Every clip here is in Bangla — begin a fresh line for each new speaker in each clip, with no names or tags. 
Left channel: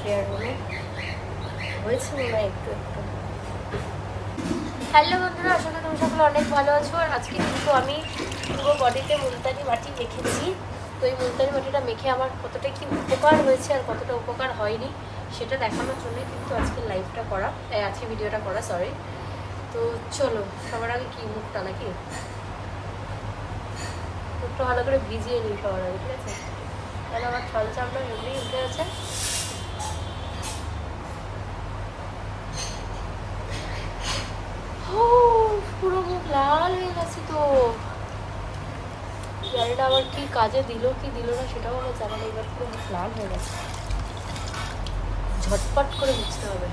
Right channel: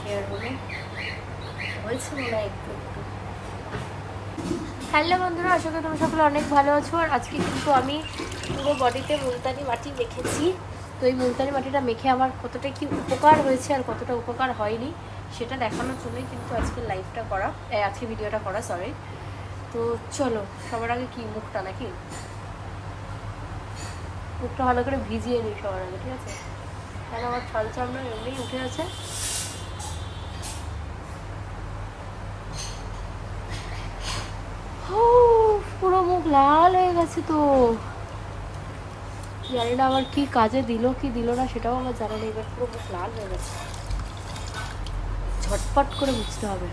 ফেয়ার হলো হয়েছে মনে হয় একটু একটু।
হ্যালো বন্ধুরা, আশা করি সকলে অনেক ভালো আছো। আর আজকে কিন্তু আমি পুরো বডিতে মুলতানি মাটি মেখেছি। তো এই মুলতানি মাটিটা মেখে আমার কতটা কি উপকার হয়েছে আর কতটা উপকার হয়নি, সেটা দেখানোর জন্যই কিন্তু আজকে লাইভটা করা আজকে ভিডিওটা করা সরি তো চলো, সবার আগে কি মুখটা নাকি মুখটা ভালো করে ভিজিয়ে নিই সবার আগে, ঠিক আছে? আমার ঠান্ডা ঠান্ডা এমনি উঠে আছে উফ, পুরো মুখ গেছে তো। জানিনা আমার কি কাজে দিল কি দিল না সেটাও আমরা জানি না। ঝটপট করে বুঝতে হবে।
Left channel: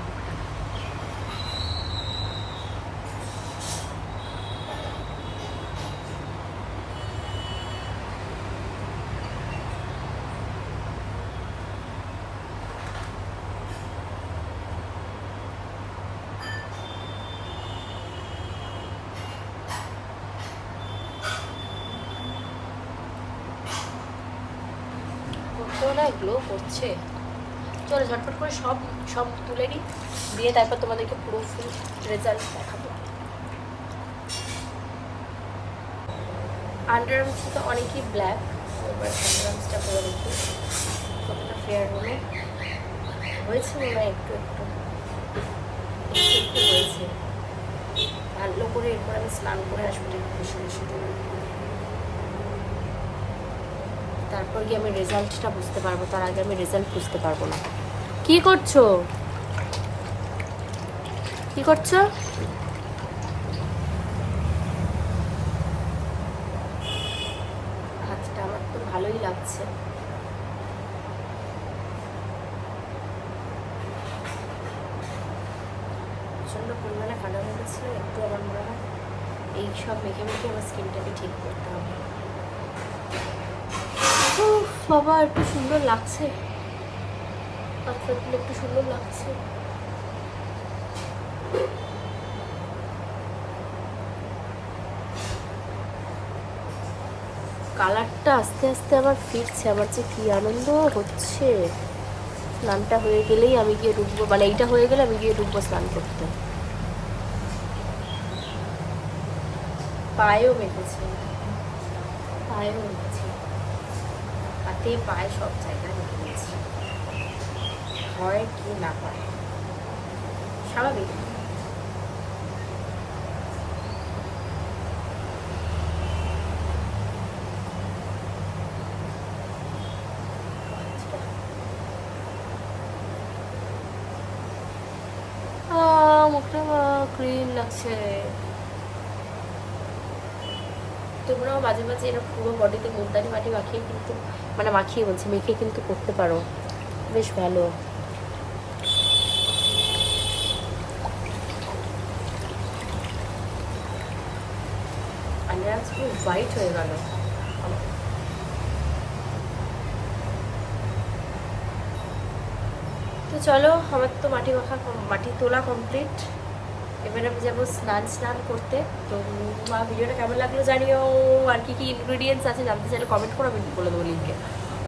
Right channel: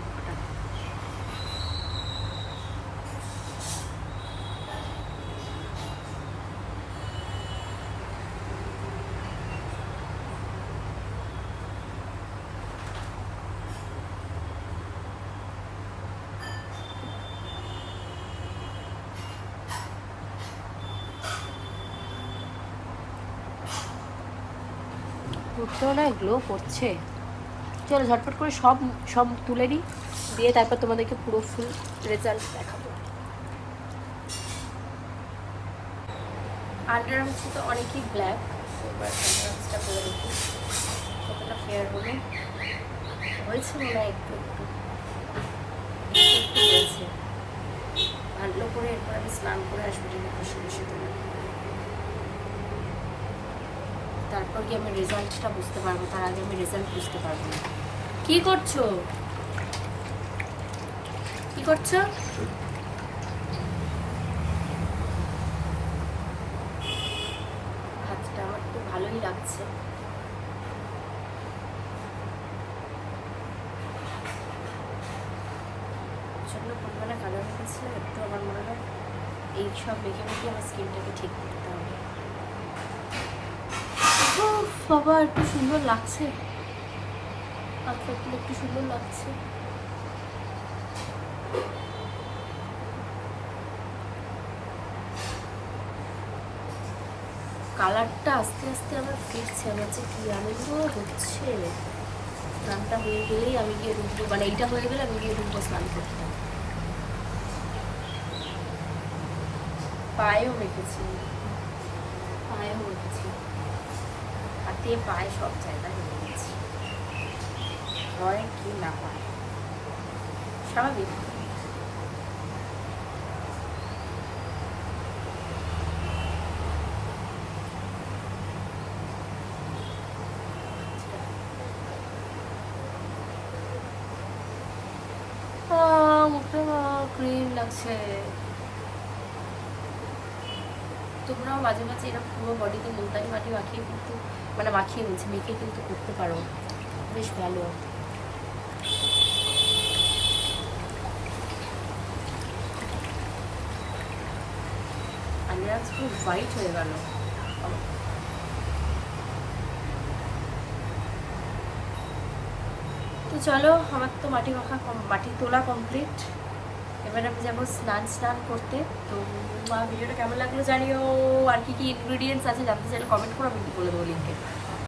গ্লো করছে চলো ঝটপট করে সব সব তুলে নিই, দিয়ে তারপর তোমাদেরকে পুরো রেজাল্ট
আন্ডার আর্মসটা তো অনেকই ব্ল্যাক এবার আন্ডার আর্মসটা করে দেখি, কতটা ফেয়ার হলো। হয়েছে মনে হয় একটু একটু একটু একটু হয়েছে। ভালো করে এরপর আমি স্নান করে আসব দেখি, বসে দেবো তারপর কি আমি রেজাল্টটা বুঝতে পারব তার আগে আমি রেজাল্ট বুঝতে পারব না। কি করছ? কি করছ? হাতটা আমার তো ভালোই লাগছে। প্রচণ্ড পরিমাণে কালো হয়ে গেছিল একটু আমার মনে হয় এই সব মেখে মেখে আমার স্কিনটাকে ঠিক করতে হবে। বাবা, একটু সুন্দর লাগছে। একটু সুন্দর লাগছে। কালারটা আস্তে আস্তে আমার ফিরছে, আমার যে কি আনন্দ হচ্ছে। স্নানটা হয়ে গেলেই আমি গিয়ে ঢুকবো মানে এইটা হয়ে গেলে আমি গিয়ে ঢুকবো স্নান করতে। পায়েও মেখেছি পায়েও মেখেছি হাতে পায়ে সব জায়গায় মেখে নিয়েছি হয় কি না হয় স্বাভাবিক। মুখটা ক্লিন লাগছে। তোমরাও মাঝে মাঝে এরকম পুরো বডিতে মুলতানি মাটি মাখিয়ে কিন্তু মানে মাখিয়ে বলছি, মেখে কিন্তু করতে পারো। বেশ ভালো। আন্ডার আর্মস পুরো হোয়াইট হয়ে গেল। তো চলো, আমার তো মাটি মাখা মাটি তোলা কমপ্লিট এবার আমি যাব স্নান স্নান করতে। তো মা, ভিডিওটা কেমন লাগল জানিও? আর কি কি ইনগ্রিডিয়েন্টস আছে জানতে চাইলে কমেন্ট করে, আমি বলে দেবো লিঙ্কে